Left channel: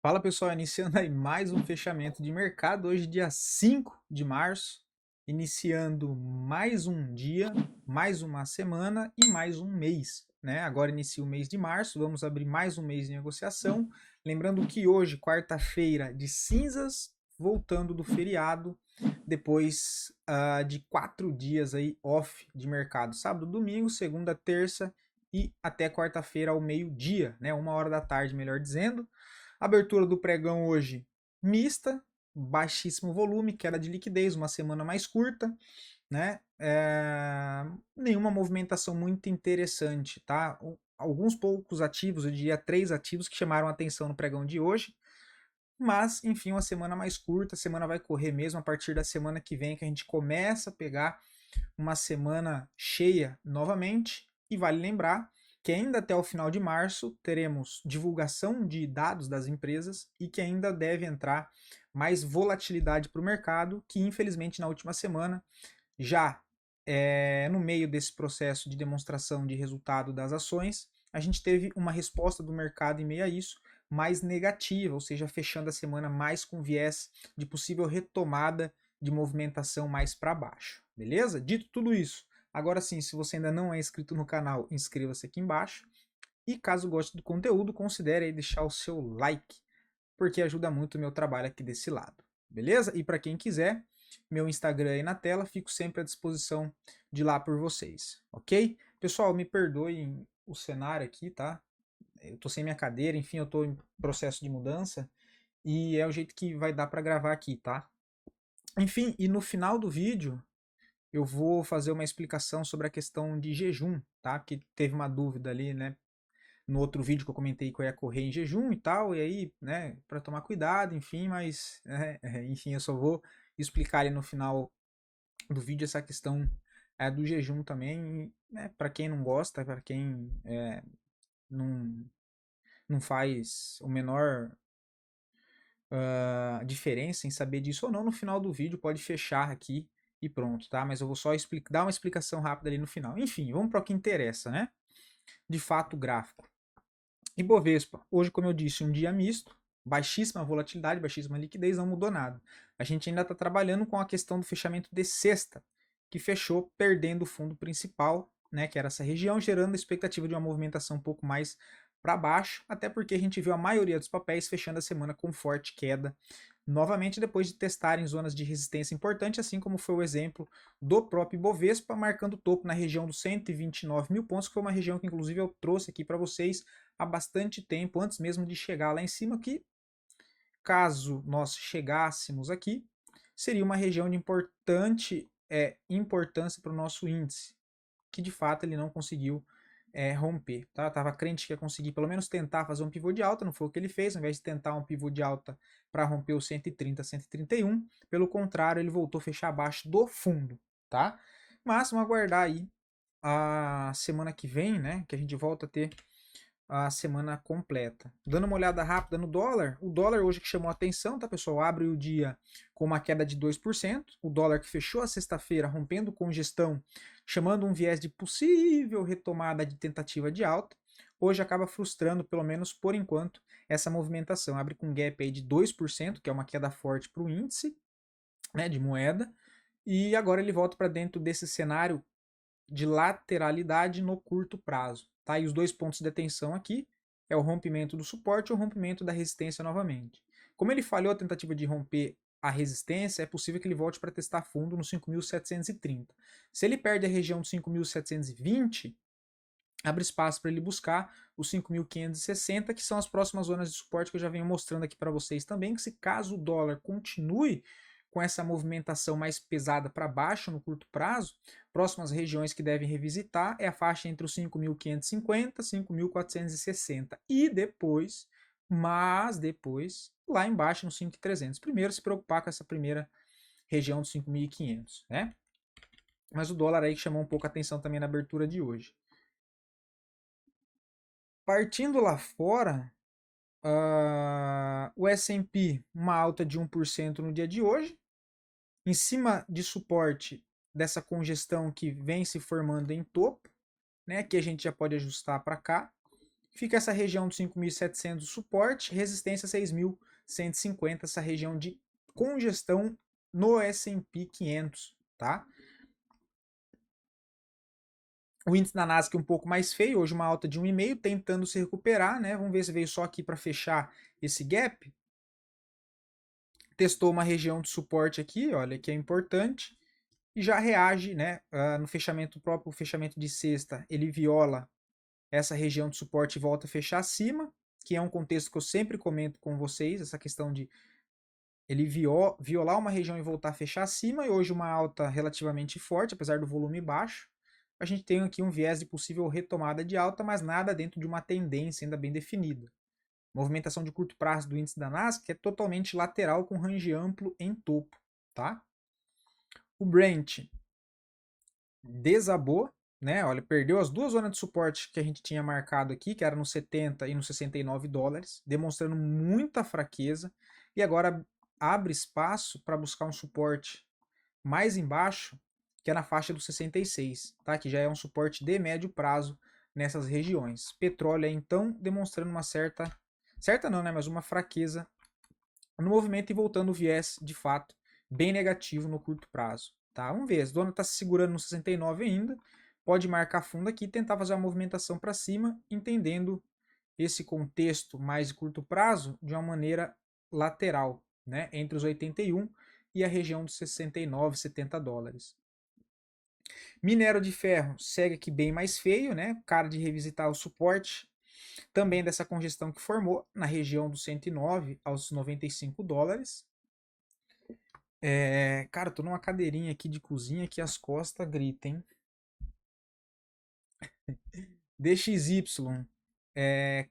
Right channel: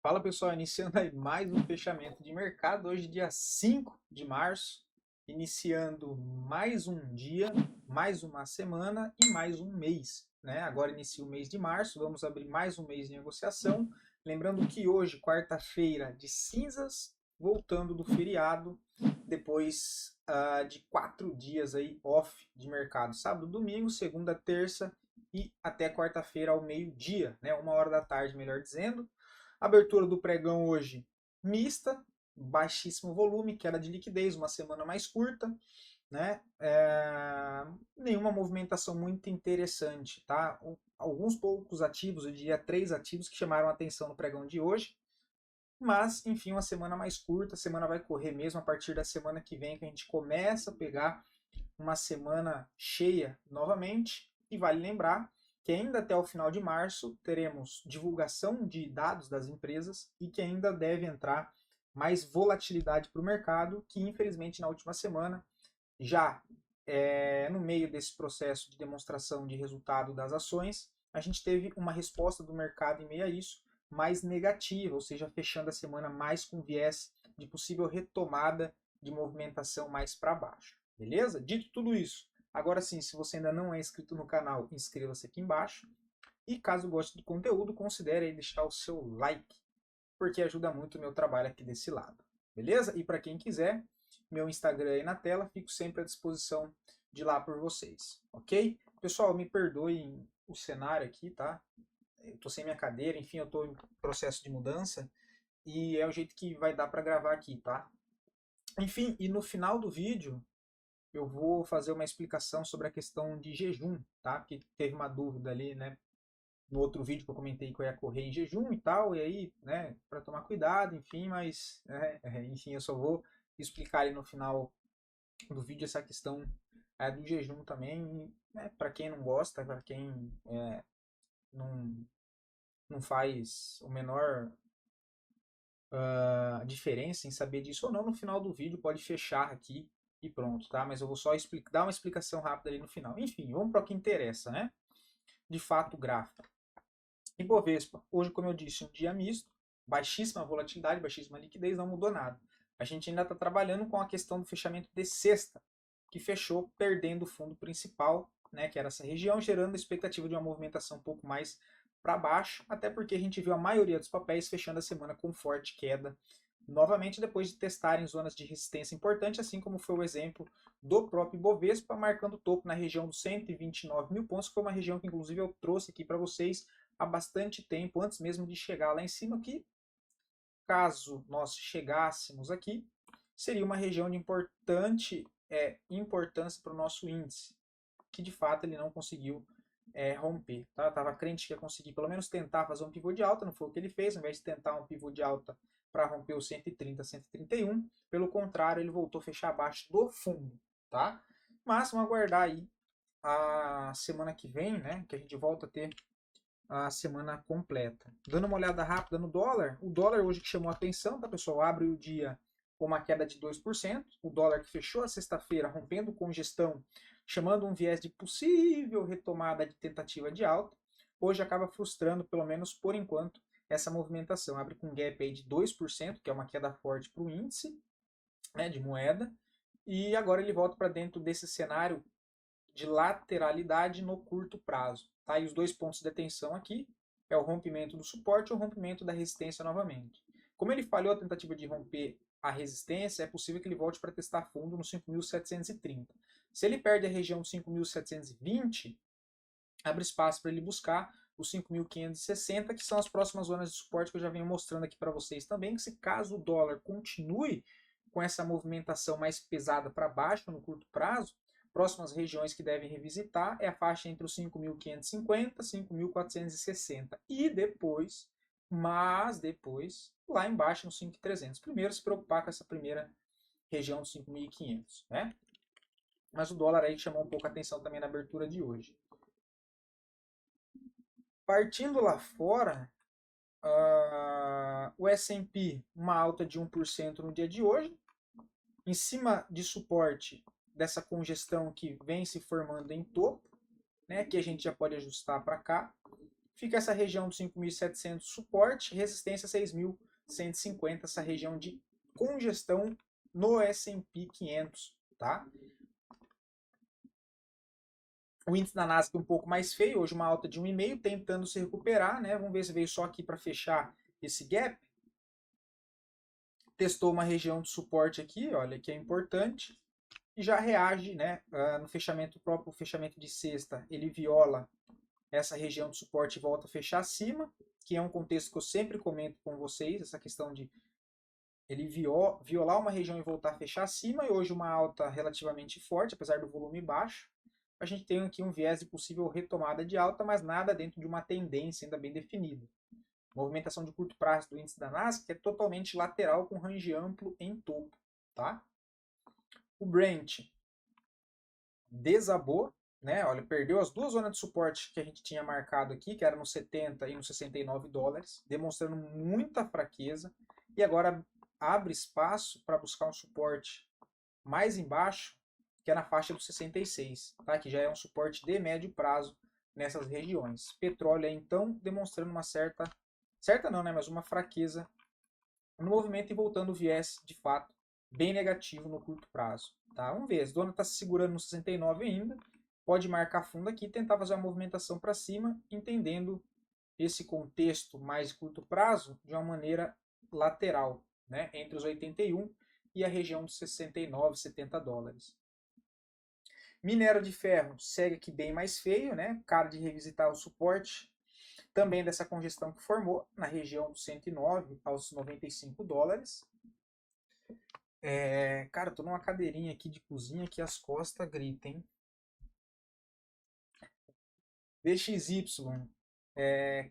Fala pessoal, iniciando aí mais um fechamento de mercado, hoje dia 5 de março, iniciando mais um dia, mais uma semana e mais um mês, né? Agora inicia o mês de março, vamos abrir mais um mês de negociação, lembrando que hoje, quarta-feira de cinzas, voltando do feriado, depois de 4 dias aí off de mercado, sábado, domingo, segunda, terça e até quarta-feira ao meio-dia, né? 1 hora da tarde, melhor dizendo. Abertura do pregão hoje mista, baixíssimo volume, queda de liquidez, uma semana mais curta, né? Nenhuma movimentação muito interessante, tá? Alguns poucos ativos, eu diria 3 ativos que chamaram a atenção no pregão de hoje, mas enfim, uma semana mais curta, a semana vai correr mesmo a partir da semana que vem que a gente começa a pegar uma semana cheia novamente. E vale lembrar que ainda até o final de março teremos divulgação de dados das empresas e que ainda deve entrar mais volatilidade para o mercado, que infelizmente na última semana, já no meio desse processo de demonstração de resultado das ações, a gente teve uma resposta do mercado em meio a isso mais negativa, ou seja, fechando a semana mais com viés de possível retomada de movimentação mais para baixo, beleza? Dito tudo isso, agora sim, se você ainda não é inscrito no canal, inscreva-se aqui embaixo e caso goste do conteúdo, considere aí deixar o seu like, porque ajuda muito o meu trabalho aqui desse lado, beleza? E para quem quiser, meu Instagram aí na tela, fico sempre à disposição de lá por vocês, ok? Pessoal, me perdoem o cenário aqui, tá? Eu tô sem minha cadeira, enfim, eu tô em processo de mudança e é o jeito que vai dar para gravar aqui, tá? Enfim, e no final do vídeo eu vou fazer uma explicação sobre a questão de jejum, tá? Porque teve uma dúvida ali, né? No outro vídeo que eu comentei que eu ia correr em jejum e tal, e aí, né, para tomar cuidado, enfim, mas, enfim, eu só vou explicar ali no final do vídeo essa questão do jejum também, né, para quem não gosta, para quem não, não faz o menor diferença em saber disso ou não, no final do vídeo pode fechar aqui e pronto, tá? Mas eu vou só dar uma explicação rápida ali no final. Enfim, vamos para o que interessa, né? De fato, gráfico. Ibovespa, hoje, como eu disse, um dia misto, baixíssima volatilidade, baixíssima liquidez, não mudou nada. A gente ainda está trabalhando com a questão do fechamento de sexta, que fechou perdendo o fundo principal, né, que era essa região, gerando a expectativa de uma movimentação um pouco mais para baixo, até porque a gente viu a maioria dos papéis fechando a semana com forte queda, novamente depois de testarem zonas de resistência importante, assim como foi o exemplo do próprio Ibovespa, marcando topo na região dos 129 mil pontos, que foi uma região que inclusive eu trouxe aqui para vocês há bastante tempo, antes mesmo de chegar lá em cima, que caso nós chegássemos aqui, seria uma região de importante importância para o nosso índice, que de fato ele não conseguiu romper. Tá? Tava crente que ia conseguir pelo menos tentar fazer um pivô de alta, não foi o que ele fez, ao invés de tentar um pivô de alta para romper o 130, 131, pelo contrário, ele voltou a fechar abaixo do fundo. Tá? Mas vamos aguardar aí a semana que vem, né, que a gente volta a ter a semana completa. Dando uma olhada rápida no dólar, o dólar hoje que chamou a atenção, tá pessoal? Abre o dia com uma queda de 2%, o dólar que fechou a sexta-feira rompendo congestão, chamando um viés de possível retomada de tentativa de alta, hoje acaba frustrando, pelo menos por enquanto, essa movimentação. Abre com um gap aí de 2%, que é uma queda forte para o índice, né, de moeda, e agora ele volta para dentro desse cenário de lateralidade no curto prazo. Tá? E os dois pontos de atenção aqui é o rompimento do suporte e o rompimento da resistência novamente. Como ele falhou a tentativa de romper a resistência, é possível que ele volte para testar fundo no 5.730. Se ele perde a região de 5.720, abre espaço para ele buscar os 5.560, que são as próximas zonas de suporte que eu já venho mostrando aqui para vocês também, que se caso o dólar continue com essa movimentação mais pesada para baixo no curto prazo, próximas regiões que devem revisitar é a faixa entre os 5.550 e 5.460 e depois, mas depois, lá embaixo no 5.300. Primeiro se preocupar com essa primeira região dos 5.500, né? Mas o dólar aí chamou um pouco a atenção também na abertura de hoje. Partindo lá fora, o S&P uma alta de 1% no dia de hoje, em cima de suporte dessa congestão que vem se formando em topo, né, que a gente já pode ajustar para cá, Fica essa região dos 5.700 suporte, resistência 6.150, essa região de congestão no S&P 500, tá? O índice da Nasdaq um pouco mais feio, hoje uma alta de 1,5, tentando se recuperar, né? Vamos ver se veio só aqui para fechar esse gap. Testou uma região de suporte aqui, olha que é importante, e já reage, né? No fechamento, o próprio fechamento de sexta, ele viola essa região de suporte e volta a fechar acima, que é um contexto que eu sempre comento com vocês, essa questão de ele violar uma região e voltar a fechar acima, e hoje uma alta relativamente forte, apesar do volume baixo. A gente tem aqui um viés de possível retomada de alta, mas nada dentro de uma tendência ainda bem definida. Movimentação de curto prazo do índice da Nasdaq é totalmente lateral com range amplo em topo, tá? O Brent desabou, né? Olha, perdeu as duas zonas de suporte que a gente tinha marcado aqui, que era no 70 e no 69 dólares, demonstrando muita fraqueza, e agora abre espaço para buscar um suporte mais embaixo, que é na faixa dos 66, tá? Que já é um suporte de médio prazo nessas regiões. Petróleo é então demonstrando uma certa não, né? Mas uma fraqueza no movimento e voltando o viés de fato bem negativo no curto prazo. Tá? Vamos ver, a dona está se segurando no 69 ainda, pode marcar fundo aqui e tentar fazer uma movimentação para cima, entendendo esse contexto mais de curto prazo de uma maneira lateral, né? Entre os 81 e a região dos 69, 70 dólares. Minério de ferro segue aqui bem mais feio, né? Cara de revisitar o suporte também dessa congestão que formou na região dos 109 aos 95 dólares. Cara, eu tô numa cadeirinha aqui de cozinha que as costas gritam, hein? DXY.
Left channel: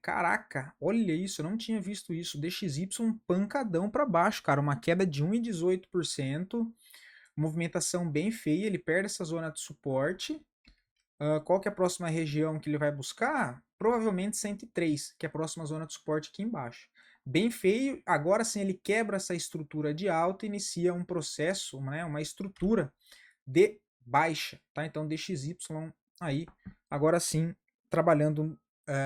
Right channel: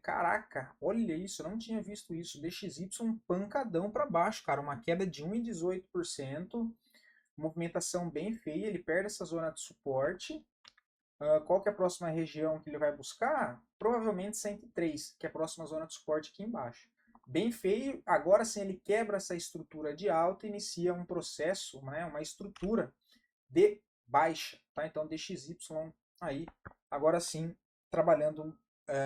Caraca, olha isso, eu não tinha visto isso. DXY pancadão para baixo, cara. Uma queda de 1,18%. Movimentação bem feia, ele perde essa zona de suporte. Qual que é a próxima região que ele vai buscar? Provavelmente 103, que é a próxima zona de suporte aqui embaixo. Bem feio, agora sim ele quebra essa estrutura de alta e inicia um processo, né, uma estrutura de baixa, tá? Então DXY aí, agora sim, trabalhando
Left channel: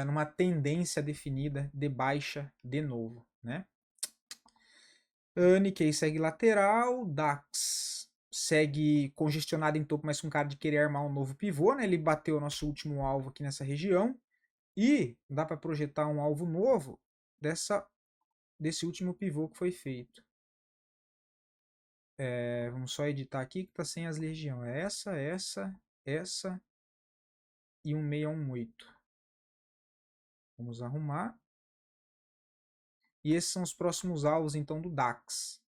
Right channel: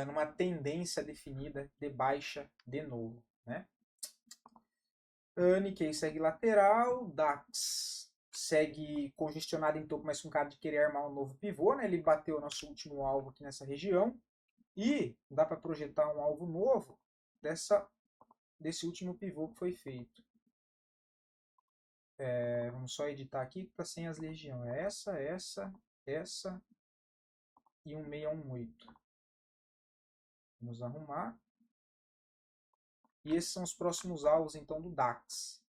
numa tendência definida de baixa de novo, né? Nikkei segue lateral, DAX segue congestionado em topo, mas com cara de querer armar um novo pivô, né? Ele bateu o nosso último alvo aqui nessa região e dá para projetar um alvo novo desse último pivô que foi feito. Vamos só editar aqui que está sem as legiões. É essa e 1618. Vamos arrumar. E esses são os próximos alvos então do DAX.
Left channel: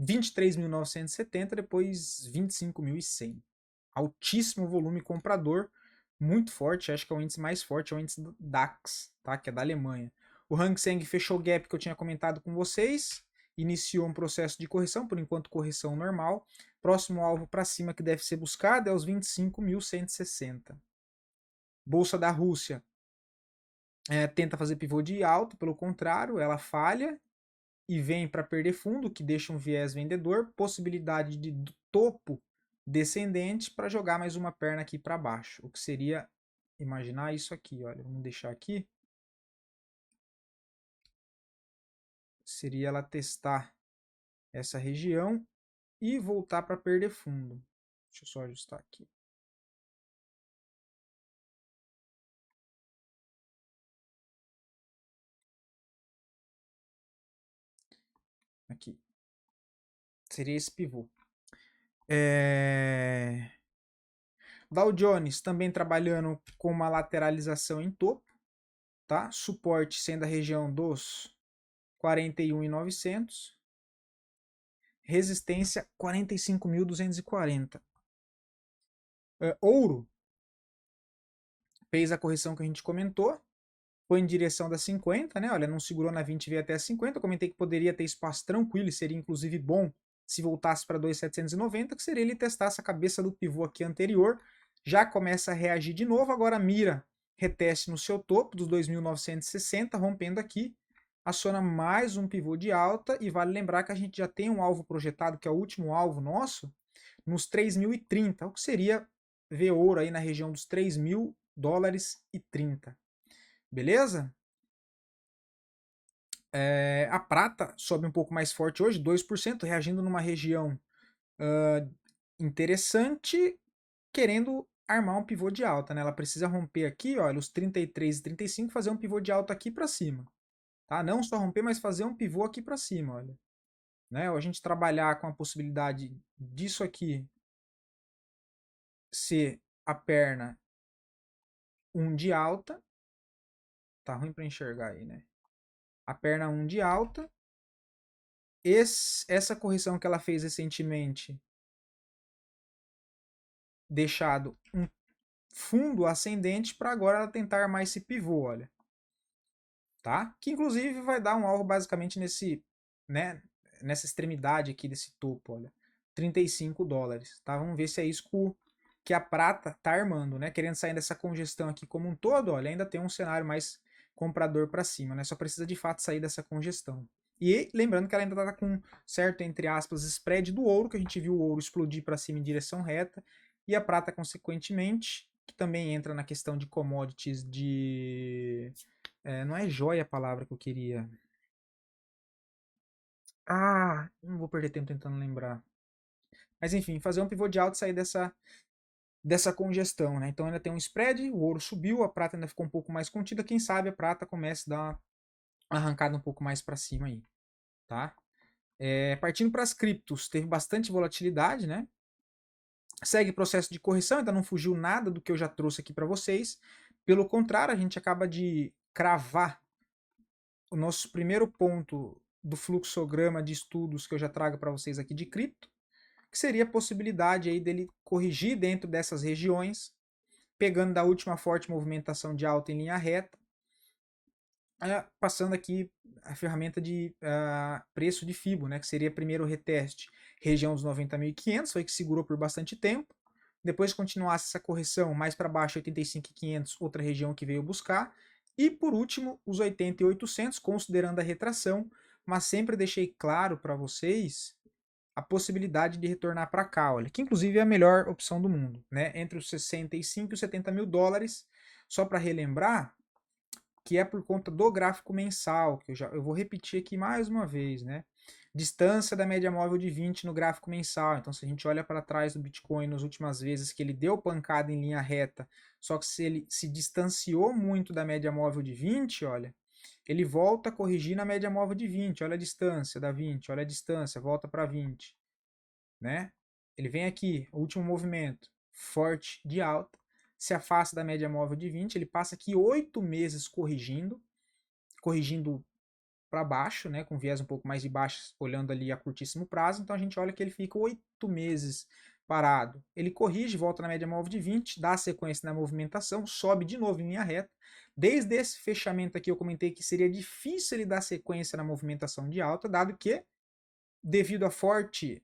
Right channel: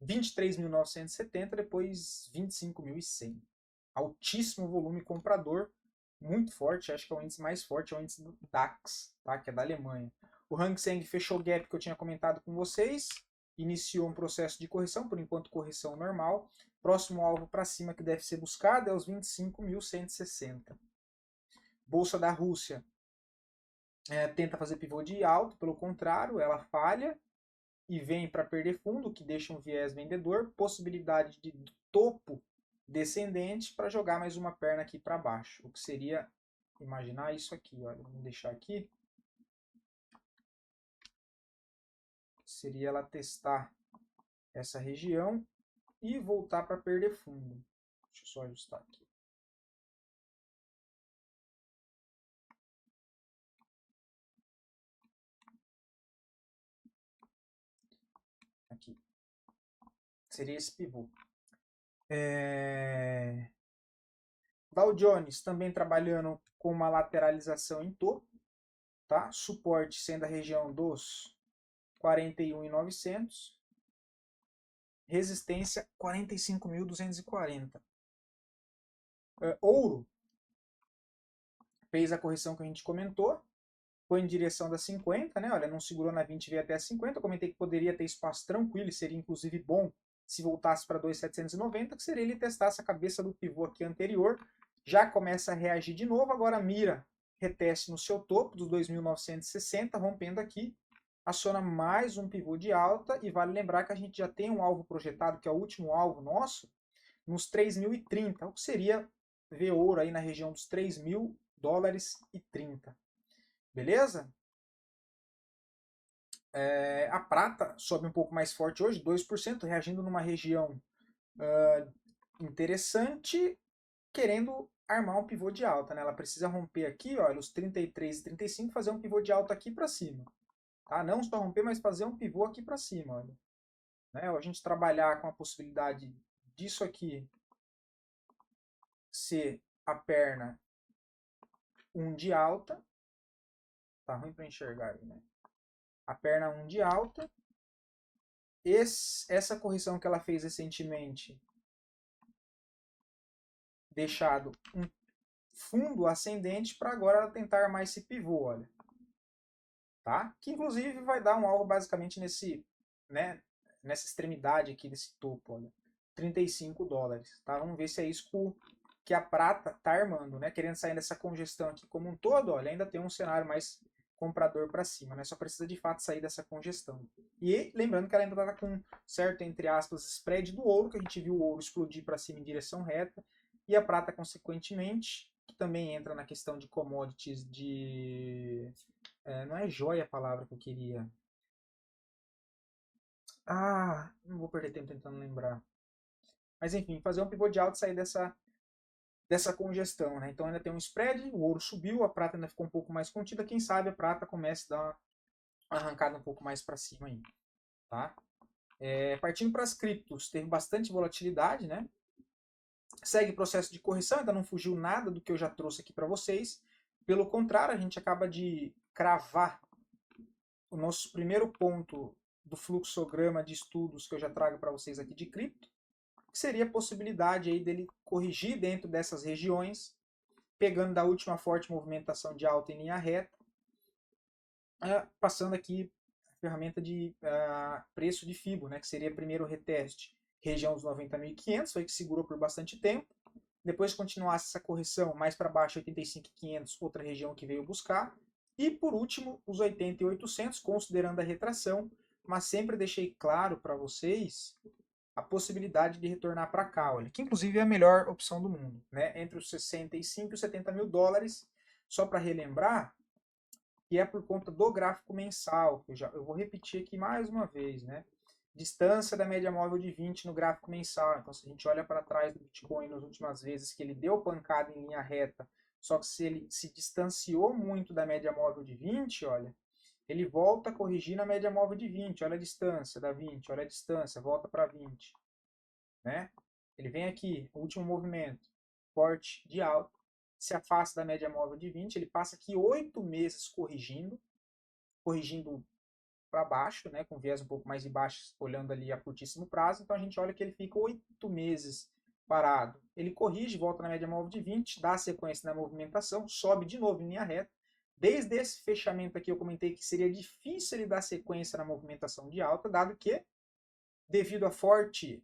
23.970, depois 25.100. Altíssimo volume comprador, muito forte, acho que é o índice mais forte, é o índice do DAX, tá? Que é da Alemanha. O Hang Seng fechou o gap que eu tinha comentado com vocês, iniciou um processo de correção, por enquanto correção normal. Próximo alvo para cima que deve ser buscado é os 25.160. Bolsa da Rússia tenta fazer pivô de alto, pelo contrário, ela falha e vem para perder fundo, que deixa um viés vendedor, possibilidade de topo descendente para jogar mais uma perna aqui para baixo, o que seria imaginar isso aqui, olha, vamos deixar aqui, seria ela testar essa região e voltar para perder fundo. Deixa eu só ajustar aqui. Aqui. Seria esse pivô. Dow Jones também trabalhando com uma lateralização em topo, tá? Suporte sendo a região dos 41.900. Resistência 45.240. Ouro fez a correção que a gente comentou, foi em direção das 50, né? Olha, não segurou na 20 e veio até a 50. Eu comentei que poderia ter espaço tranquilo e seria inclusive bom se voltasse para 2.790, que seria ele testar essa cabeça do pivô aqui anterior. Já começa a reagir de novo, agora mira reteste no seu topo dos 2.960, rompendo aqui, aciona mais um pivô de alta e vale lembrar que a gente já tem um alvo projetado, que é o último alvo nosso, nos 3.030, o que seria ver ouro aí na região dos 3.000 dólares e 30. Beleza? A prata sobe um pouco mais forte hoje, 2%, reagindo numa região interessante, querendo armar um pivô de alta, né? Ela precisa romper aqui, olha, os 33 e 35, fazer um pivô de alta aqui para cima, tá? Não só romper, mas fazer um pivô aqui para cima, olha. Né? Ou a gente trabalhar com a possibilidade disso aqui ser a perna 1 de alta, tá ruim para enxergar aí, né? A perna 1 de alta, essa correção que ela fez recentemente, deixado um fundo ascendente para agora ela tentar armar esse pivô, olha, tá? Que inclusive vai dar um alvo basicamente né, nessa extremidade aqui desse topo, olha, $35, tá? Vamos ver se é isso que a prata tá armando, né? Querendo sair dessa congestão aqui como um todo, olha, ainda tem um cenário mais comprador para cima, né? Só precisa de fato sair dessa congestão. E lembrando que ela ainda tá com certo, entre aspas, spread do ouro, que a gente viu o ouro explodir para cima em direção reta, e a prata, consequentemente, que também entra na questão de commodities não é joia a palavra que eu queria. Não vou perder tempo tentando lembrar. Mas enfim, fazer um pivô de alta e sair dessa congestão, né? Então ainda tem um spread, o ouro subiu, a prata ainda ficou um pouco mais contida, quem sabe a prata comece a dar uma arrancada um pouco mais para cima aí, tá? Partindo para as criptos, teve bastante volatilidade, né? Segue processo de correção, ainda não fugiu nada do que eu já trouxe aqui para vocês. Pelo contrário, a gente acaba de cravar o nosso primeiro ponto do fluxograma de estudos que eu já trago para vocês aqui de cripto, que seria a possibilidade aí dele corrigir dentro dessas regiões, pegando da última forte movimentação de alta em linha reta, passando aqui a ferramenta de preço de FIBO, né, que seria primeiro o reteste, região dos 90.500, foi que segurou por bastante tempo. Depois continuasse essa correção mais para baixo, 85.500, outra região que veio buscar. E por último, os 80.800, considerando a retração, mas sempre deixei claro para vocês a possibilidade de retornar para cá, olha, que inclusive é a melhor opção do mundo, né? Entre os 65 e os 70 mil dólares. Só para relembrar, que é por conta do gráfico mensal, que eu vou repetir aqui mais uma vez, né? Distância da média móvel de 20 no gráfico mensal. Então, se a gente olha para trás do Bitcoin nas últimas vezes que ele deu pancada em linha reta, só que se ele se distanciou muito da média móvel de 20, olha, ele volta a corrigir na média móvel de 20. Olha a distância da 20, olha a distância, volta para 20, né? Ele vem aqui, o último movimento, forte de alta, se afasta da média móvel de 20, ele passa aqui 8 meses corrigindo para baixo, né, com viés um pouco mais de baixo, olhando ali a curtíssimo prazo. Então a gente olha que ele fica 8 meses parado. Ele corrige, volta na média móvel de 20, dá sequência na movimentação, sobe de novo em linha reta. Desde esse fechamento aqui eu comentei que seria difícil ele dar sequência na movimentação de alta, dado que, devido à forte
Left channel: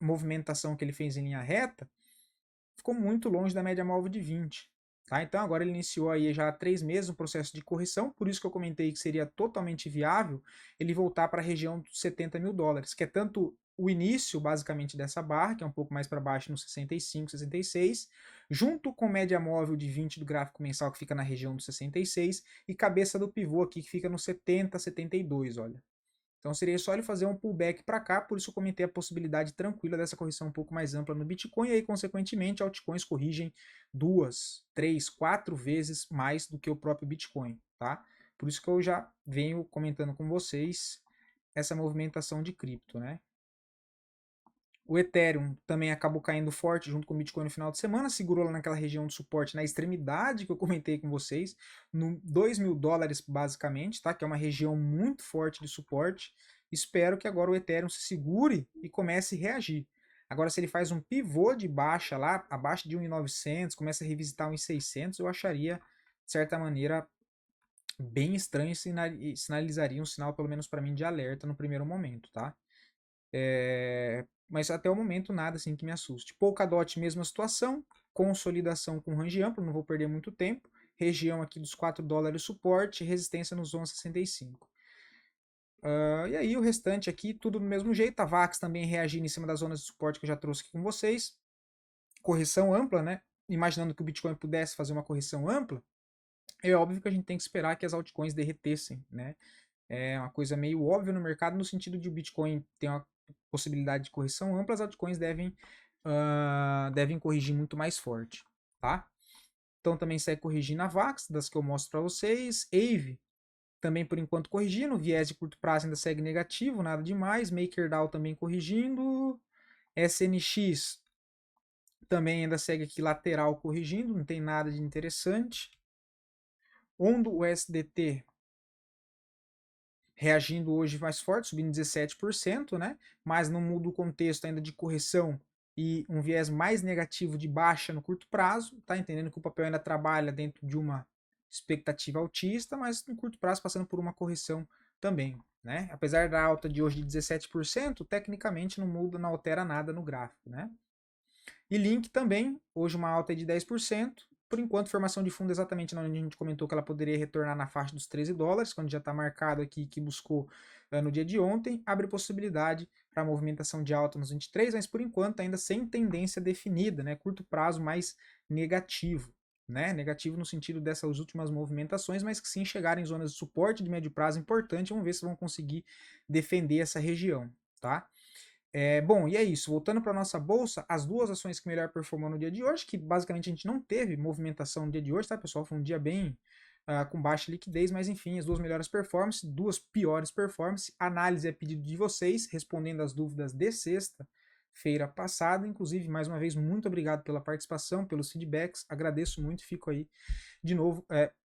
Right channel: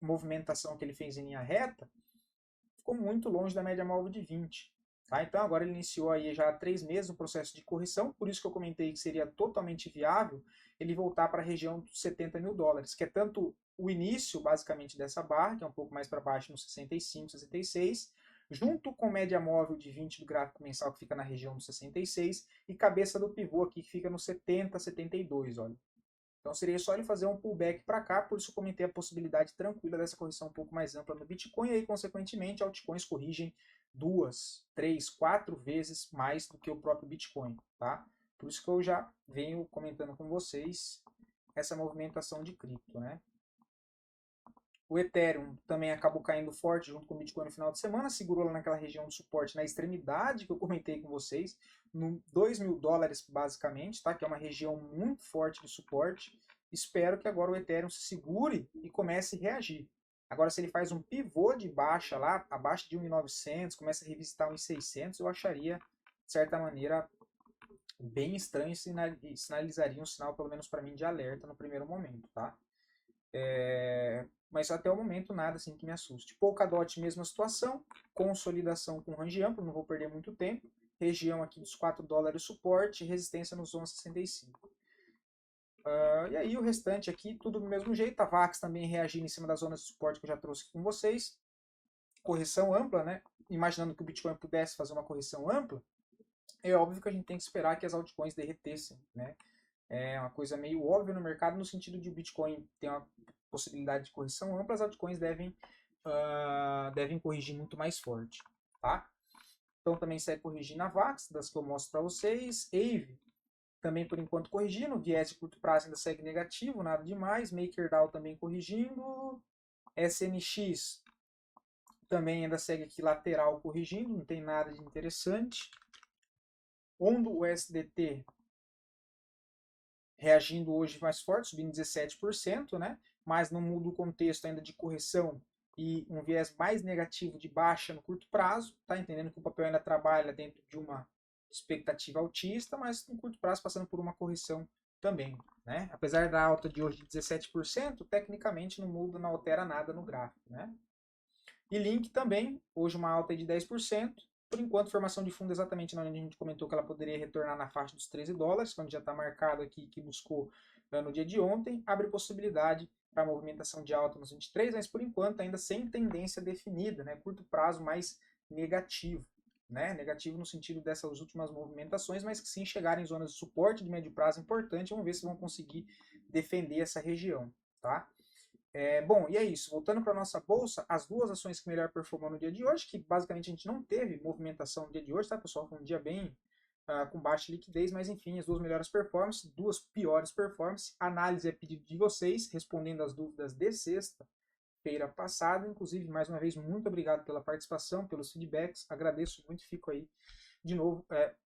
movimentação que ele fez em linha reta, ficou muito longe da média móvel de 20. Tá? Então agora ele iniciou aí já há 3 meses um processo de correção, por isso que eu comentei que seria totalmente viável ele voltar para a região dos 70 mil dólares, que é tanto o início basicamente dessa barra, que é um pouco mais para baixo no 65, 66, junto com média móvel de 20 do gráfico mensal que fica na região dos 66 e cabeça do pivô aqui que fica no 70, 72, olha. Então seria só ele fazer um pullback para cá, por isso eu comentei a possibilidade tranquila dessa correção um pouco mais ampla no Bitcoin, e aí consequentemente altcoins corrigem 2, 3, 4 vezes mais do que o próprio Bitcoin, tá? Por isso que eu já venho comentando com vocês essa movimentação de cripto, né? O Ethereum também acabou caindo forte junto com o Bitcoin no final de semana, segurou lá naquela região de suporte na extremidade que eu comentei com vocês, no 2 mil dólares basicamente, tá? Que é uma região muito forte de suporte. Espero que agora o Ethereum se segure e comece a reagir. Agora, se ele faz um pivô de baixa lá, abaixo de 1.900, começa a revisitar 1.600, eu acharia, de certa maneira, bem estranho e sinalizaria um sinal, pelo menos para mim, de alerta no primeiro momento, tá? Mas até o momento nada assim que me assuste. Polkadot, mesma situação, consolidação com range amplo, não vou perder muito tempo. Região aqui dos 4 dólares suporte, resistência nos 11,65. E aí o restante aqui, tudo do mesmo jeito. A VAX também reagindo em cima das zonas de suporte que eu já trouxe aqui com vocês. Correção ampla, né? Imaginando que o Bitcoin pudesse fazer uma correção ampla, é óbvio que a gente tem que esperar que as altcoins derretessem, né? É uma coisa meio óbvia no mercado, no sentido de o Bitcoin ter uma possibilidade de correção ampla, as altcoins devem corrigir muito mais forte, tá? Então também segue corrigindo a VAX, das que eu mostro para vocês. AVE também por enquanto corrigindo, viés de curto prazo ainda segue negativo, nada demais. MakerDAO também corrigindo. SNX também ainda segue aqui lateral corrigindo, não tem nada de interessante. Ondo USDT reagindo hoje mais forte, subindo 17%, né? Mas não muda o contexto ainda de correção e um viés mais negativo de baixa no curto prazo, tá entendendo que o papel ainda trabalha dentro de uma expectativa altista, mas no curto prazo passando por uma correção também, né? Apesar da alta de hoje de 17%, tecnicamente não muda, não altera nada no gráfico, né? E Link também, hoje uma alta de 10%. Por enquanto, formação de fundo exatamente onde a gente comentou que ela poderia retornar na faixa dos $13, quando já está marcado aqui que buscou no dia de ontem, abre possibilidade para movimentação de alta nos 23, mas por enquanto ainda sem tendência definida, né? Curto prazo mais negativo, né? Negativo no sentido dessas últimas movimentações, mas que sim chegarem em zonas de suporte de médio prazo importante, vamos ver se vão conseguir defender essa região, tá? Bom, e é isso. Voltando para a nossa bolsa, as duas ações que melhor performou no dia de hoje, que basicamente a gente não teve movimentação no dia de hoje, tá, pessoal? Foi um dia bem com baixa liquidez, mas enfim, as duas melhores performances, duas piores performances. Análise é pedido de vocês, respondendo as dúvidas de sexta-feira passada. Inclusive, mais uma vez, muito obrigado pela participação, pelos feedbacks. Agradeço muito, fico aí de novo,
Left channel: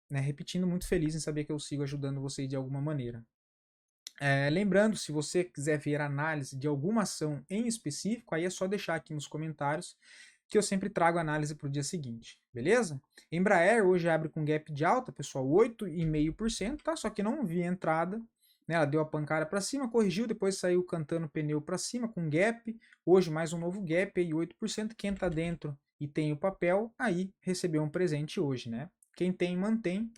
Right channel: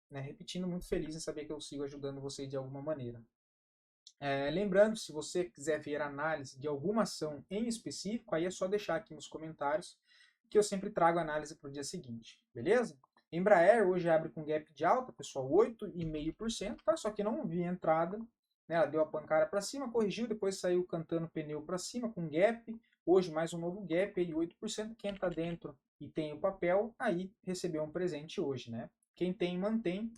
né, repetindo, muito feliz em saber que eu sigo ajudando vocês de alguma maneira. Lembrando, se você quiser ver análise de alguma ação em específico, aí é só deixar aqui nos comentários que eu sempre trago análise para o dia seguinte, beleza? Embraer hoje abre com gap de alta, pessoal, 8,5%, tá? Só que não vi entrada, né? Ela deu a pancada para cima, corrigiu, depois saiu cantando pneu para cima com gap. Hoje mais um novo gap aí, 8%. Quem está dentro e tem o papel, aí recebeu um presente hoje, né? Quem tem, mantém.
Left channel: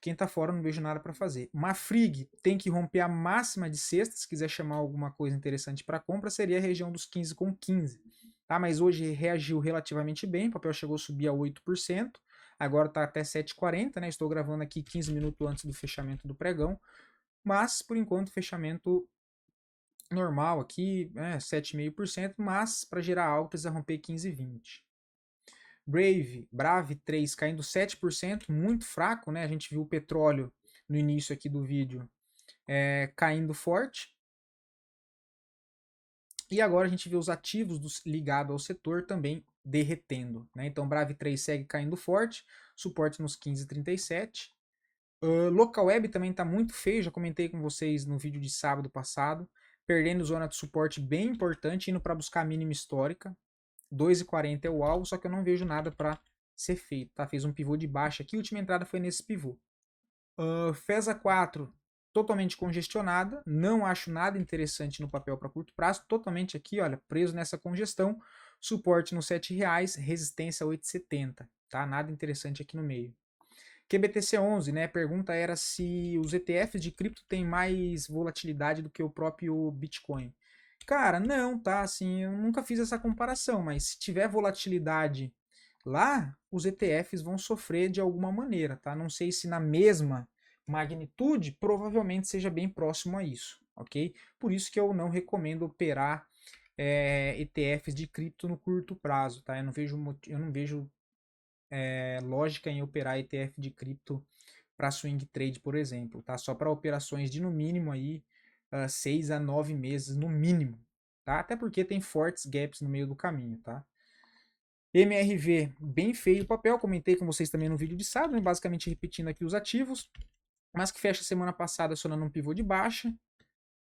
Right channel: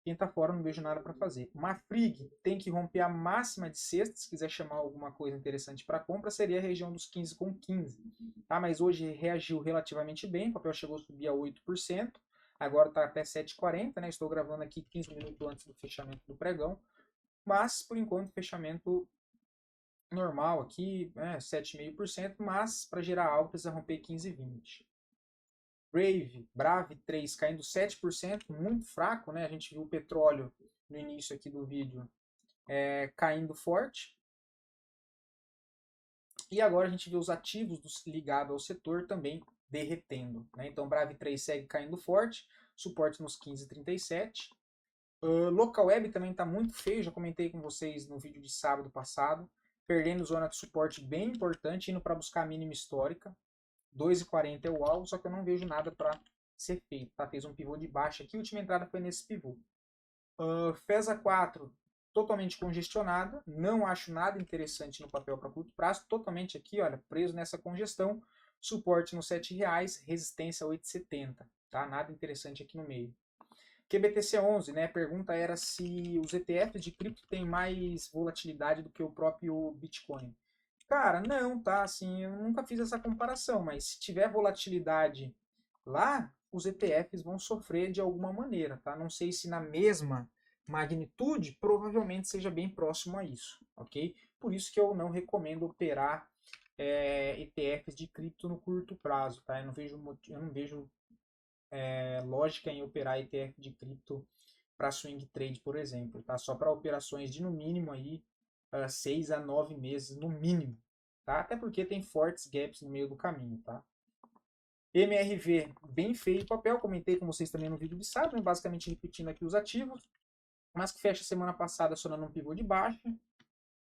Quem tá fora não vejo nada para fazer. Uma Frig tem que romper a máxima de sexta, se quiser chamar alguma coisa interessante para compra, seria a região dos 15,15. Tá? Mas hoje reagiu relativamente bem, o papel chegou a subir a 8%, agora está até 7,40, né? Estou gravando aqui 15 minutos antes do fechamento do pregão, mas por enquanto fechamento normal aqui, 7,5%, mas para gerar altas é romper 15,20. Brave 3 caindo 7%, muito fraco, né? A gente viu o petróleo no início aqui do vídeo caindo forte. E agora a gente vê os ativos ligados ao setor também derretendo, né? Então Brave 3 segue caindo forte, suporte nos 15,37. Local Web também está muito feio, já comentei com vocês no vídeo de sábado passado, perdendo zona de suporte bem importante, indo para buscar a mínima histórica. 2,40 é o alvo, só que eu não vejo nada para ser feito, tá? Fez um pivô de baixa aqui, a última entrada foi nesse pivô. FESA 4, totalmente congestionada, não acho nada interessante no papel para curto prazo, totalmente aqui, olha, preso nessa congestão, suporte nos R$7, resistência 8,70, tá? Nada interessante aqui no meio. QBTC11, né? A pergunta era se os ETFs de cripto têm mais volatilidade do que o próprio Bitcoin. Cara, não, tá? Assim, eu nunca fiz essa comparação, mas se tiver volatilidade lá, os ETFs vão sofrer de alguma maneira, tá? Não sei se na mesma magnitude, provavelmente seja bem próximo a isso, ok? Por isso que eu não recomendo operar ETFs de cripto no curto prazo, tá? Eu não vejo lógica em operar ETF de cripto para swing trade, por exemplo, tá? Só para operações de no mínimo aí 6 a 9 meses no mínimo, tá? Até porque tem fortes gaps no meio do caminho, tá? MRV, bem feio o papel, comentei com vocês também no vídeo de sábado, né? Basicamente repetindo aqui os ativos, mas que fecha semana passada acionando um pivô de baixa.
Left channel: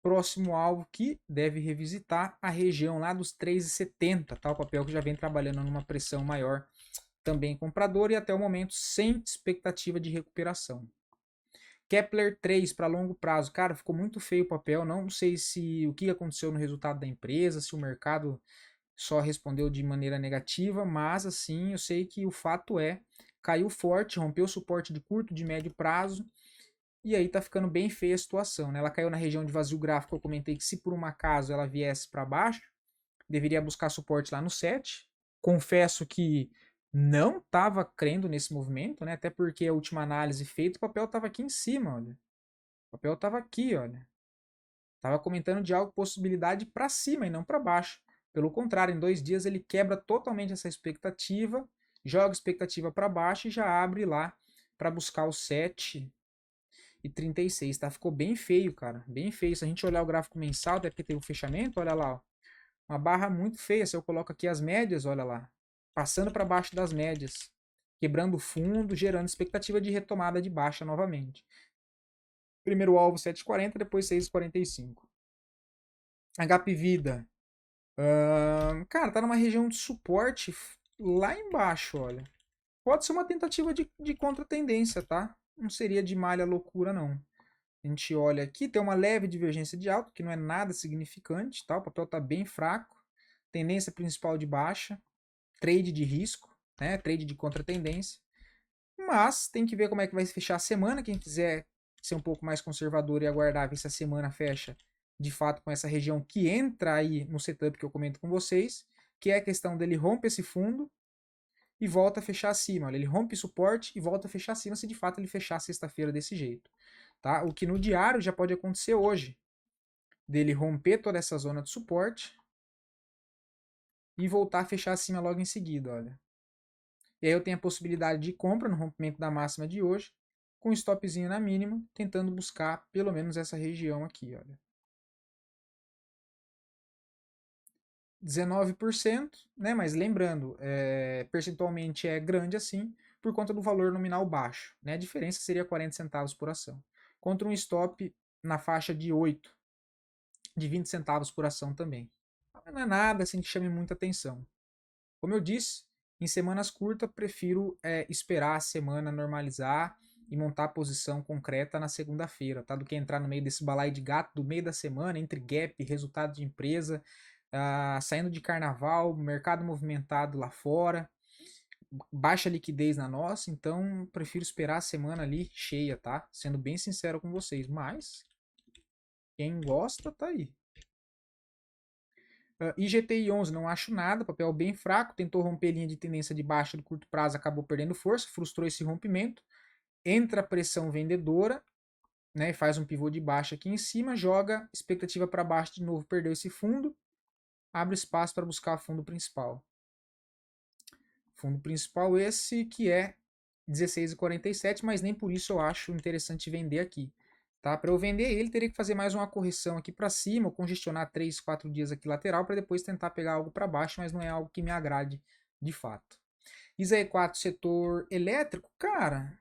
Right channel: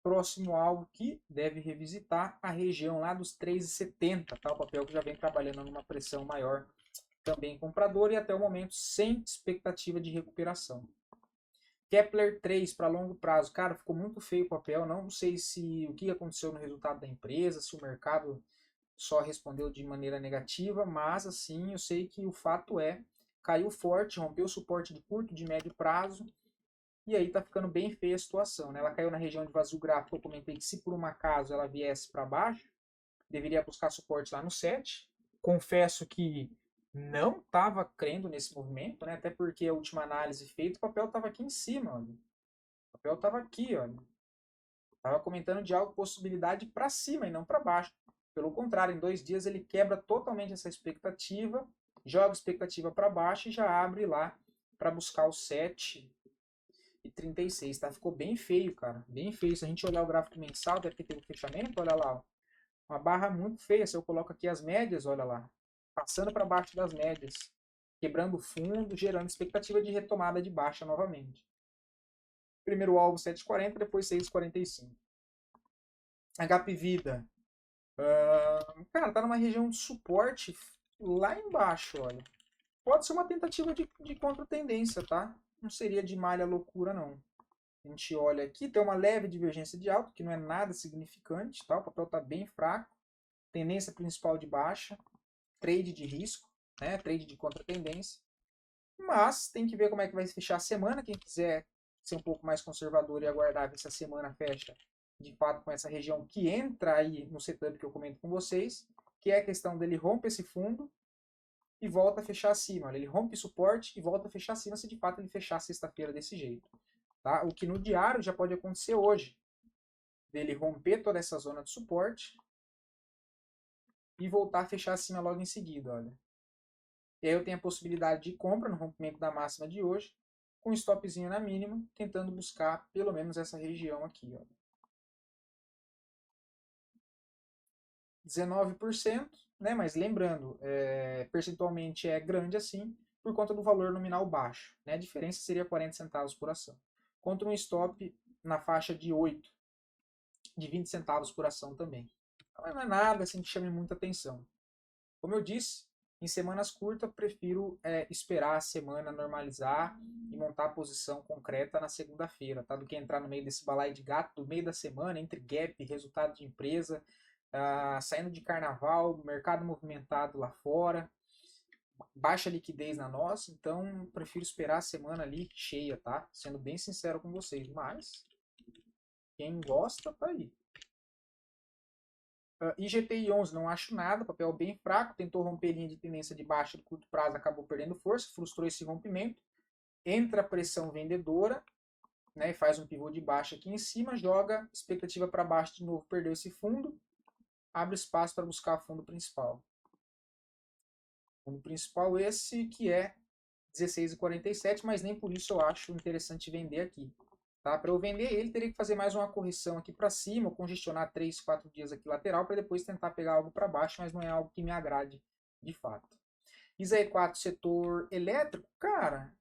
Próximo alvo que deve revisitar a região lá dos 3,70, tá? O papel que já vem trabalhando numa pressão maior, também comprador e até o momento sem expectativa de recuperação. Kepler 3 para longo prazo, cara, ficou muito feio o papel, não sei se o que aconteceu no resultado da empresa, se o mercado só respondeu de maneira negativa, mas assim, eu sei que o fato caiu forte, rompeu o suporte de curto, de médio prazo, e aí tá ficando bem feia a situação, né? Ela caiu na região de vazio gráfico, eu comentei que se por um acaso ela viesse para baixo, deveria buscar suporte lá no 7. Confesso que não estava crendo nesse movimento, né? Até porque a última análise feita, o papel estava aqui em cima, olha. O papel estava aqui, olha. Estava comentando de algo, possibilidade para cima e não para baixo. Pelo contrário, em 2 dias ele quebra totalmente essa expectativa, joga a expectativa para baixo e já abre lá para buscar o 7,36, tá? Ficou bem feio, cara. Bem feio. Se a gente olhar o gráfico mensal, até porque teve o fechamento, olha lá, ó. Uma barra muito feia. Se eu coloco aqui as médias, olha lá. Passando para baixo das médias. Quebrando o fundo, gerando expectativa de retomada de baixa novamente. Primeiro alvo 7,40, depois 6,45. HP Vida. Cara, tá numa região de suporte lá embaixo, olha. Pode ser uma tentativa de contra-tendência, tá? Não seria de malha loucura, não. A gente olha aqui, tem uma leve divergência de alta, que não é nada significante, tá? O papel está bem fraco. Tendência principal de baixa. Trade de risco, né? Trade de contra-tendência. Mas tem que ver como é que vai fechar a semana. Quem quiser ser um pouco mais conservador e aguardar ver se a semana fecha de fato com essa região que entra aí no setup que eu comento com vocês, que é a questão dele rompe esse fundo e volta a fechar acima. Olha, ele rompe suporte e volta a fechar acima se de fato ele fechar sexta-feira desse jeito. Tá? O que no diário já pode acontecer hoje, dele romper toda essa zona de suporte e voltar a fechar acima logo em seguida, olha. E aí eu tenho a possibilidade de compra no rompimento da máxima de hoje, com stopzinho na mínima, tentando buscar pelo menos essa região aqui, olha. 19%, né? Mas lembrando, percentualmente é grande assim, por conta do valor nominal baixo, né? A diferença seria 40 centavos por ação. Contra um stop na faixa de 8, de 20 centavos por ação também. Então, não é nada assim que chame muita atenção. Como eu disse, em semanas curtas, prefiro esperar a semana normalizar e montar a posição concreta na segunda-feira, tá? Do que entrar no meio desse balaio de gato do meio da semana, entre gap, resultado de empresa, saindo de carnaval, mercado movimentado lá fora, baixa liquidez na nossa, então prefiro esperar a semana ali cheia, tá? Sendo bem sincero com vocês, mas quem gosta, tá aí. IGTI 11 não acho nada, papel bem fraco, tentou romper linha de tendência de baixa de curto prazo, acabou perdendo força, frustrou esse rompimento, entra a pressão vendedora, né, faz um pivô de baixa aqui em cima, joga expectativa para baixo de novo, perdeu esse fundo, abre espaço para buscar o fundo principal. Fundo principal esse que é 16,47, mas nem por isso eu acho interessante vender aqui. Tá? Para eu vender ele, teria que fazer mais uma correção aqui para cima, ou congestionar 3, 4 dias aqui lateral, para depois tentar pegar algo para baixo, mas não é algo que me agrade de fato. ISA E4 setor elétrico, cara,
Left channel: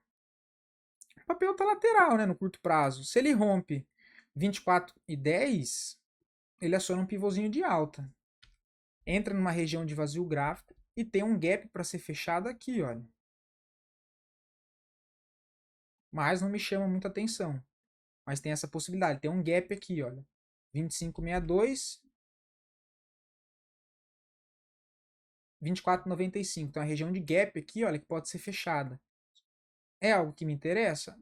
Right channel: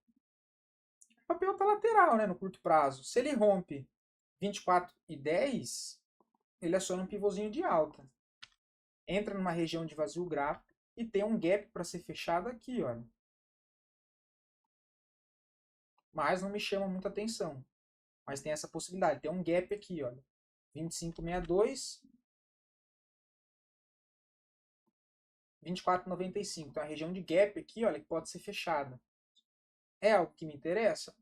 o papel tá lateral, né, no curto prazo. Se ele rompe 24,10, ele aciona um pivôzinho de alta. Entra numa região de vazio gráfico e tem um gap para ser fechado aqui, olha. Mas não me chama muita atenção. Mas tem essa possibilidade. Tem um gap aqui, olha. 25,62, 24,95. Então a região de gap aqui, olha, que pode ser fechada. É algo que me interessa?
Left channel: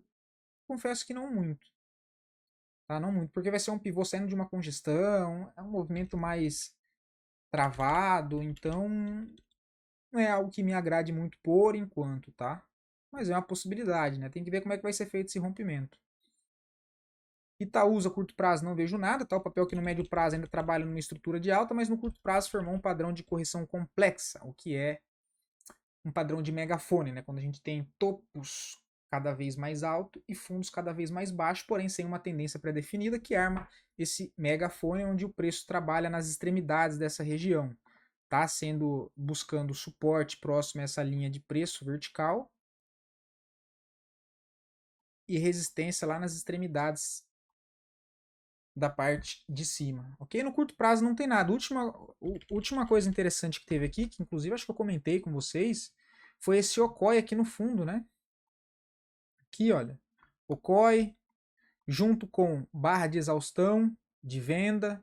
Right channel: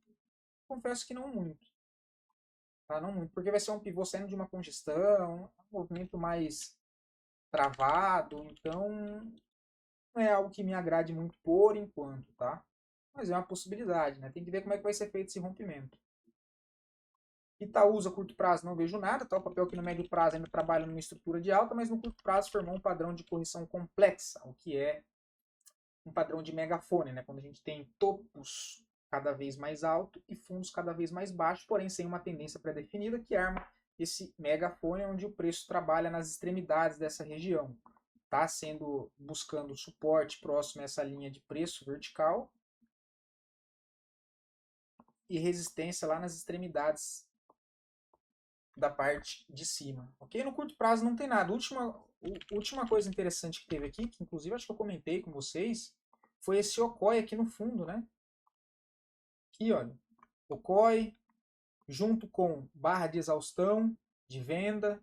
Confesso que não muito. Tá? Não muito, porque vai ser um pivô saindo de uma congestão, é um movimento mais travado, então não é algo que me agrade muito por enquanto, tá? Mas é uma possibilidade, né? Tem que ver como é que vai ser feito esse rompimento. Itaúsa, curto prazo, não vejo nada, tá? O papel que no médio prazo ainda trabalha numa estrutura de alta, mas no curto prazo formou um padrão de correção complexa, o que é um padrão de megafone, né? Quando a gente tem topos cada vez mais alto e fundos cada vez mais baixos, porém sem uma tendência pré-definida que arma esse megafone onde o preço trabalha nas extremidades dessa região, tá? Sendo buscando suporte próximo a essa linha de preço vertical e resistência lá nas extremidades da parte de cima, ok? No curto prazo não tem nada. Última coisa interessante que teve aqui, que inclusive acho que eu comentei com vocês, foi esse Okoi aqui no fundo, né? Aqui, olha, Okoi, junto com barra de exaustão, de venda,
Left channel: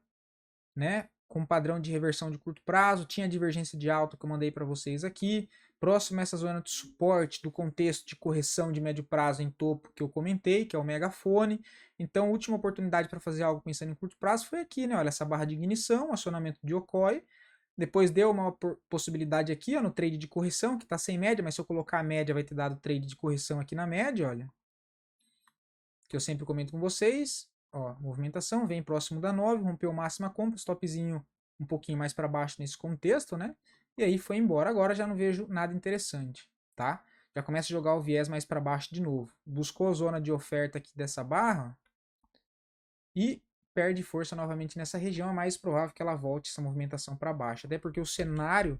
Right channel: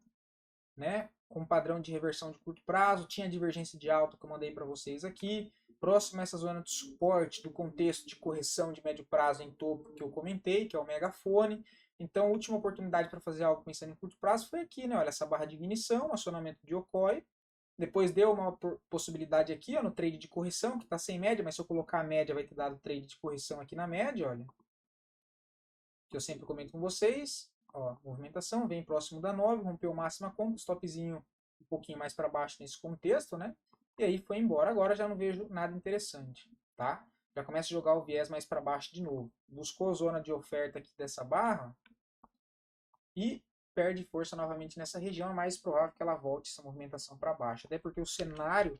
né? Com padrão de reversão de curto prazo, tinha divergência de alta que eu mandei para vocês aqui, próximo a essa zona de suporte do contexto de correção de médio prazo em topo que eu comentei, que é o megafone. Então, a última oportunidade para fazer algo pensando em curto prazo foi aqui, né? Olha, essa barra de ignição, acionamento de Okoi. Depois deu uma possibilidade aqui, ó, no trade de correção, que está sem média, mas se eu colocar a média vai ter dado trade de correção aqui na média, olha. que eu sempre comento com vocês. Ó, movimentação, vem próximo da 9, rompeu máxima compra, stopzinho um pouquinho mais para baixo nesse contexto, né? E aí foi embora. Agora já não vejo nada interessante, tá? Já começa a jogar o viés mais para baixo de novo. Buscou a zona de oferta aqui dessa barra e perde força novamente nessa região. É mais provável que ela volte essa movimentação para baixo, até porque o cenário,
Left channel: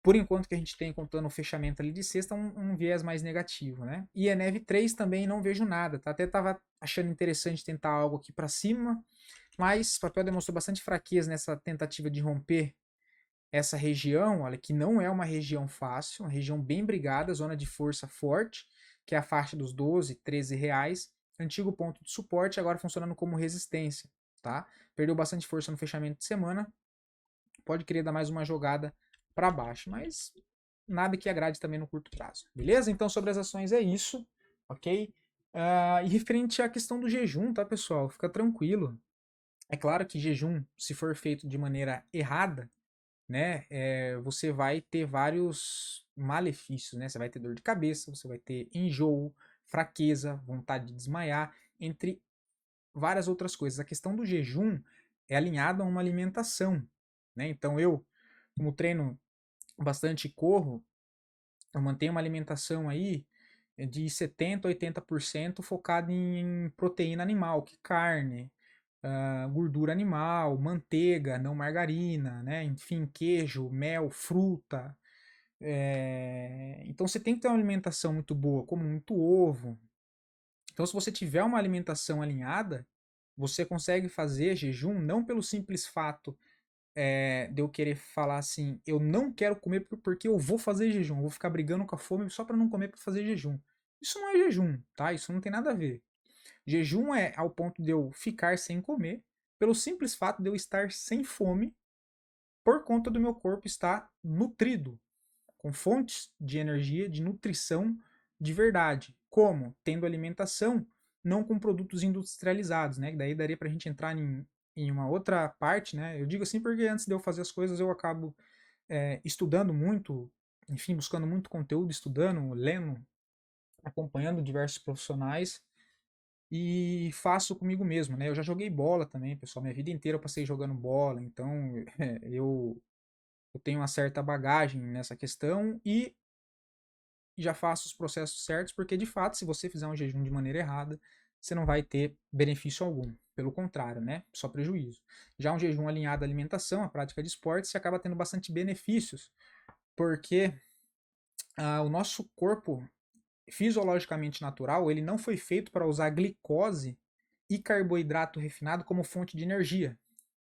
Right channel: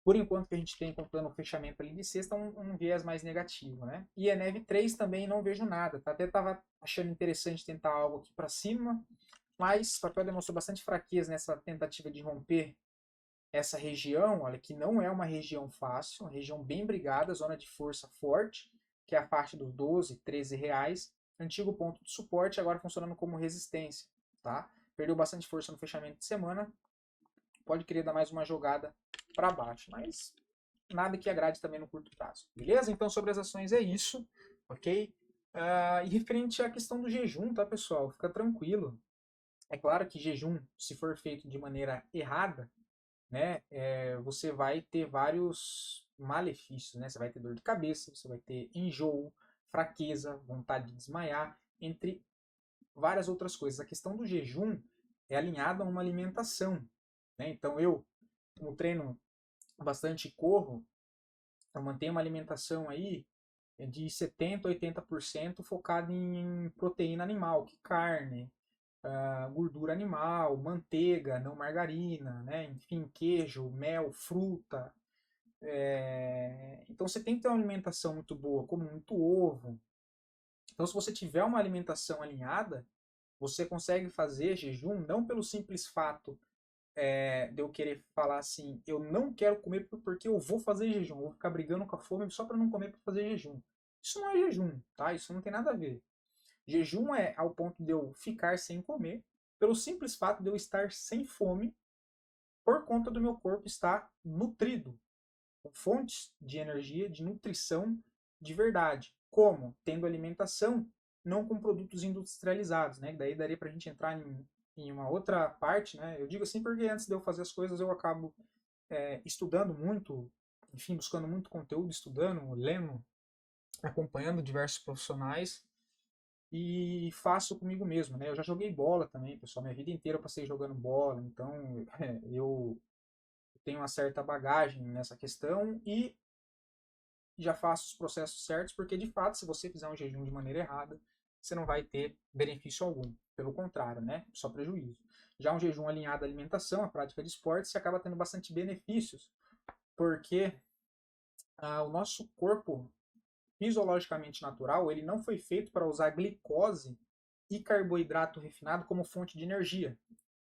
por enquanto que a gente tem contando o fechamento ali de sexta, um viés mais negativo, né? E ENEV 3 também não vejo nada, tá? Até estava achando interessante tentar algo aqui para cima, mas o papel demonstrou bastante fraqueza nessa tentativa de romper essa região, olha, que não é uma região fácil, uma região bem brigada, zona de força forte, que é a faixa dos 12, 13 reais, antigo ponto de suporte, agora funcionando como resistência, tá? Perdeu bastante força no fechamento de semana, pode querer dar mais uma jogada para baixo, mas nada que agrade também no curto prazo, beleza? Então sobre as ações é isso, ok? E referente à questão do jejum, tá, pessoal? Fica tranquilo. É claro que jejum, se for feito de maneira errada, né, você vai ter vários malefícios, né? Você vai ter dor de cabeça, você vai ter enjoo, fraqueza, vontade de desmaiar, entre várias outras coisas. A questão do jejum é alinhada a uma alimentação, né? Então eu, como treino bastante e corro, eu mantenho uma alimentação aí de 70 a 80% focada em proteína animal, que carne, gordura animal, manteiga, não margarina, né? Enfim, queijo, mel, fruta. Então você tem que ter uma alimentação muito boa, como muito ovo. Então, se você tiver uma alimentação alinhada, você consegue fazer jejum não pelo simples fato de eu querer falar assim, eu não quero comer porque eu vou fazer jejum, eu vou ficar brigando com a fome só para não comer para fazer jejum. Isso não é jejum, tá? Isso não tem nada a ver. Jejum é ao ponto de eu ficar sem comer, pelo simples fato de eu estar sem fome, por conta do meu corpo estar nutrido, com fontes de energia, de nutrição de verdade. Como? Tendo alimentação, não com produtos industrializados, né? Daí daria para a gente entrar em uma outra parte, né? Eu digo assim porque antes de eu fazer as coisas eu acabo estudando muito, enfim, buscando muito conteúdo, estudando, lendo, acompanhando diversos profissionais e faço comigo mesmo, né? Eu já joguei bola também, pessoal, minha vida inteira eu passei jogando bola, então eu tenho uma certa bagagem nessa questão e já faço os processos certos, porque de fato, se você fizer um jejum de maneira errada, você não vai ter benefício algum. Pelo contrário, né? Só prejuízo. Já um jejum alinhado à alimentação, à prática de esporte, você acaba tendo bastante benefícios, porque o nosso corpo fisiologicamente natural, ele não foi feito para usar glicose e carboidrato refinado como fonte de energia,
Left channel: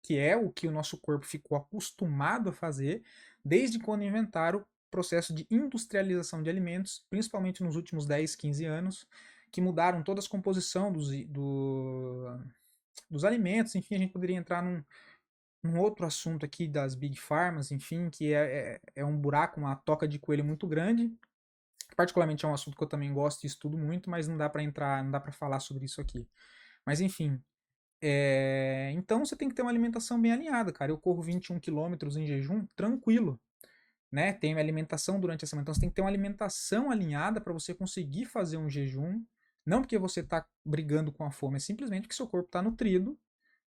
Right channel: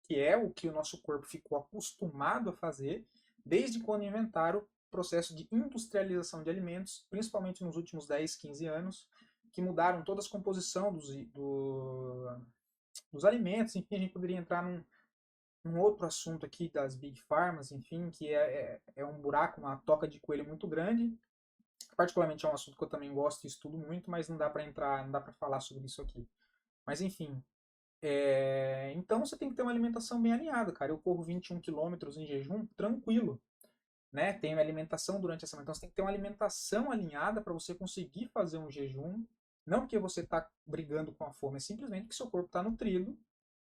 que é o que o nosso corpo ficou acostumado a fazer desde quando inventaram o processo de industrialização de alimentos, principalmente nos últimos 10, 15 anos, que mudaram toda a composição dos alimentos. Enfim, a gente poderia entrar num outro assunto aqui das Big Pharmas, enfim, que é um buraco, uma toca de coelho muito grande. Particularmente é um assunto que eu também gosto e estudo muito, mas não dá para entrar, não dá para falar sobre isso aqui. Mas enfim, então você tem que ter uma alimentação bem alinhada, cara. Eu corro 21 quilômetros em jejum tranquilo, né? Tenho alimentação durante a semana. Então você tem que ter uma alimentação alinhada para você conseguir fazer um jejum. Não porque você está brigando com a fome, é simplesmente que seu corpo está nutrido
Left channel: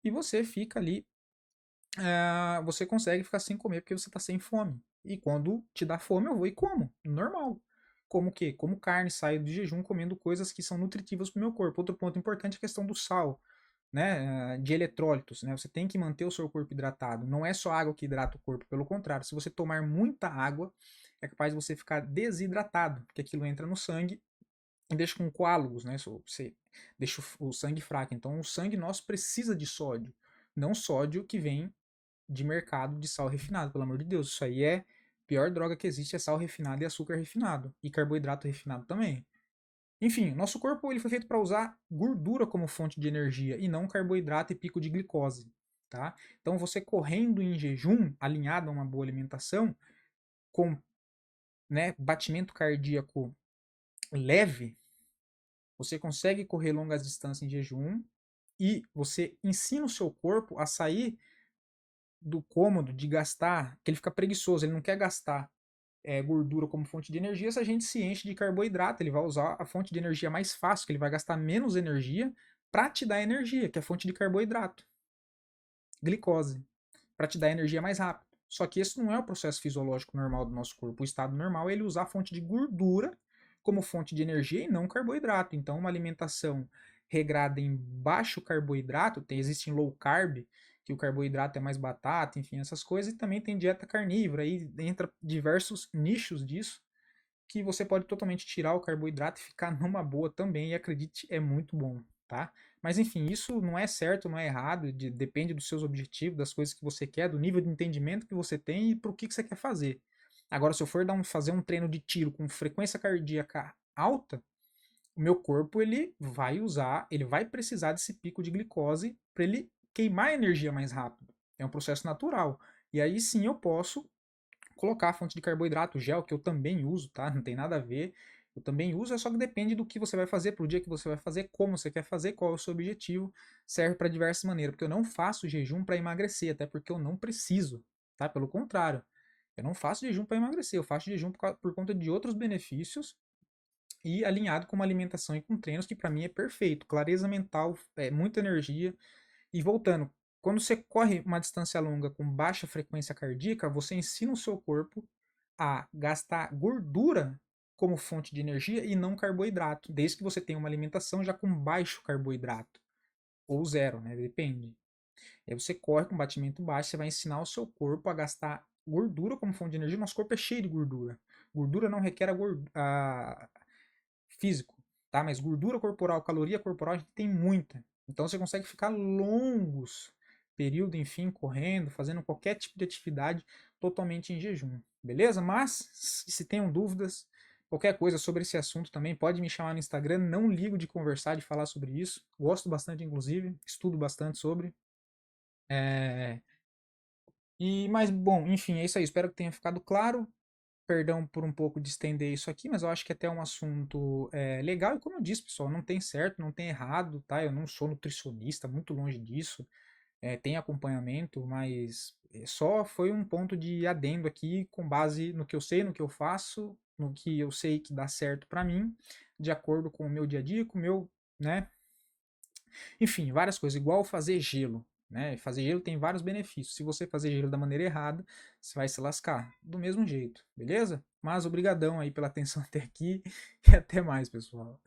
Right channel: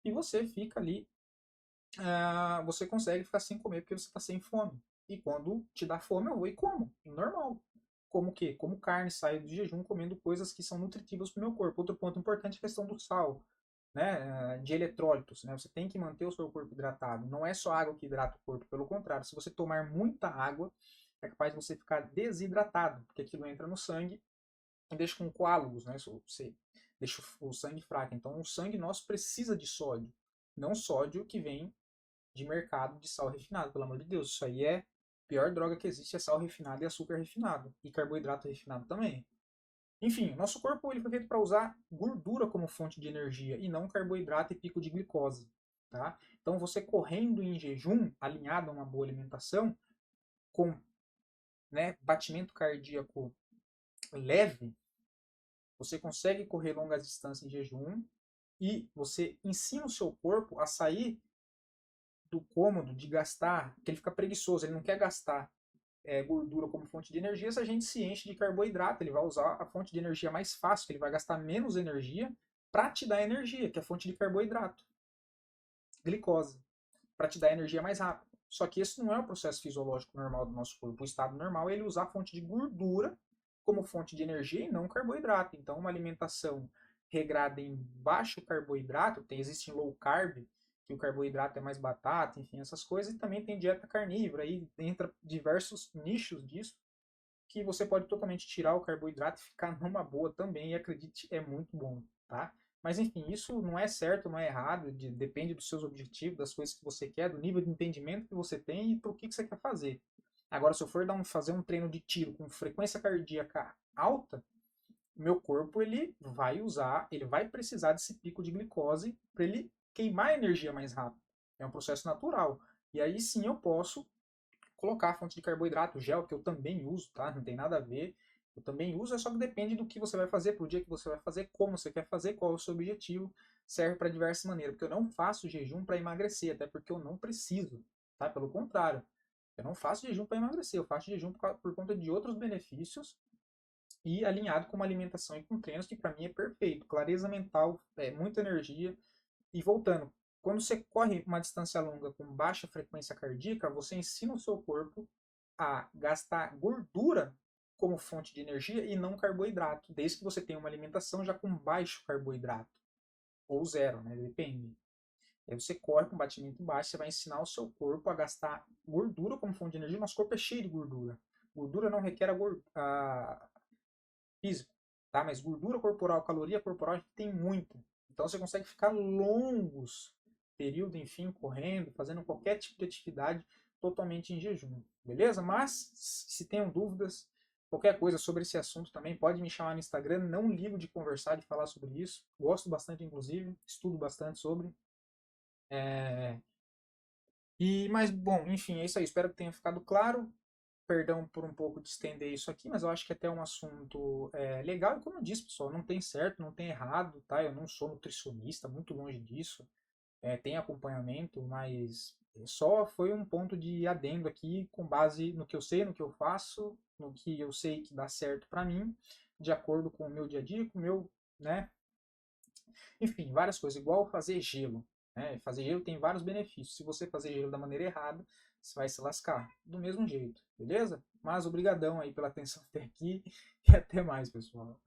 e você fica ali. Você consegue ficar sem comer porque você está sem fome. E quando te dá fome, eu vou e como. Normal. Como o quê? Como carne, saio de jejum comendo coisas que são nutritivas para o meu corpo. Outro ponto importante é a questão do sal, né? De eletrólitos, né? Você tem que manter o seu corpo hidratado. Não é só água que hidrata o corpo, pelo contrário, se você tomar muita água, é capaz de você ficar desidratado, porque aquilo entra no sangue e deixa com coágulos, né? Você deixa o sangue fraco. Então, o sangue nosso precisa de sódio, não sódio que vem de mercado de sal refinado, pelo amor de Deus. Isso aí é a pior droga que existe, é sal refinado e açúcar refinado. E carboidrato refinado também. Enfim, nosso corpo ele foi feito para usar gordura como fonte de energia e não carboidrato e pico de glicose. Tá? Então você correndo em jejum, alinhado a uma boa alimentação, com batimento cardíaco leve, você consegue correr longas distâncias em jejum e você ensina o seu corpo a sair do cômodo de gastar, que ele fica preguiçoso, ele não quer gastar gordura como fonte de energia, se a gente se enche de carboidrato, ele vai usar a fonte de energia mais fácil, que ele vai gastar menos energia para te dar energia, que é a fonte de carboidrato, glicose, para te dar energia mais rápido. Só que esse não é o processo fisiológico normal do nosso corpo. O estado normal é ele usar a fonte de gordura como fonte de energia e não carboidrato. Então, uma alimentação regrada em baixo carboidrato, existe em low carb, que o carboidrato é mais batata, enfim, essas coisas, e também tem dieta carnívora, aí entra diversos nichos disso, que você pode totalmente tirar o carboidrato e ficar numa boa também, e acredite, é muito bom, tá? Mas enfim, isso não é certo, não é errado, depende dos seus objetivos, das coisas que você quer, do nível de entendimento que você tem e pro que você quer fazer. Agora, se eu for fazer um treino de tiro com frequência cardíaca alta, o meu corpo ele vai precisar desse pico de glicose para ele queimar energia mais rápido. É um processo natural. E aí sim eu posso colocar a fonte de carboidrato, gel, que eu também uso, tá? Não tem nada a ver. Eu também uso, é só que depende do que você vai fazer, pro dia que você vai fazer, como você quer fazer, qual é o seu objetivo. Serve para diversas maneiras, porque eu não faço jejum para emagrecer, até porque eu não preciso, tá? Pelo contrário, eu não faço jejum para emagrecer, eu faço jejum por conta de outros benefícios e alinhado com uma alimentação e com treinos que para mim é perfeito. Clareza mental, muita energia. E voltando, quando você corre uma distância longa com baixa frequência cardíaca, você ensina o seu corpo a gastar gordura como fonte de energia e não carboidrato, desde que você tenha uma alimentação já com baixo carboidrato, ou zero, né? Depende. E aí você corre com batimento baixo, você vai ensinar o seu corpo a gastar gordura como fonte de energia. Nosso corpo é cheio de gordura. Gordura não requer físico, tá? Mas gordura corporal, caloria corporal, a gente tem muita. Então você consegue ficar longos período, enfim, correndo, fazendo qualquer tipo de atividade totalmente em jejum, beleza? Mas se tenham dúvidas, qualquer coisa sobre esse assunto também, pode me chamar no Instagram, não ligo de conversar, de falar sobre isso. Gosto bastante, inclusive, estudo bastante sobre. É... Mas, bom, enfim, é isso aí. Espero que tenha ficado claro. Perdão por um pouco de estender isso aqui, mas eu acho que até é um assunto legal. E como eu disse, pessoal, não tem certo, não tem errado, tá? Eu não sou nutricionista, muito longe disso. Tem acompanhamento, mas só foi um ponto de adendo aqui com base no que eu sei, no que eu faço, no que eu sei que dá certo para mim, de acordo com o meu dia a dia, com o meu, né? Enfim, várias coisas, igual fazer gelo. Né? Fazer gelo tem vários benefícios. Se você fazer gelo da maneira errada, você vai se lascar do mesmo jeito, beleza? Mas obrigadão aí pela atenção até aqui e até mais, pessoal.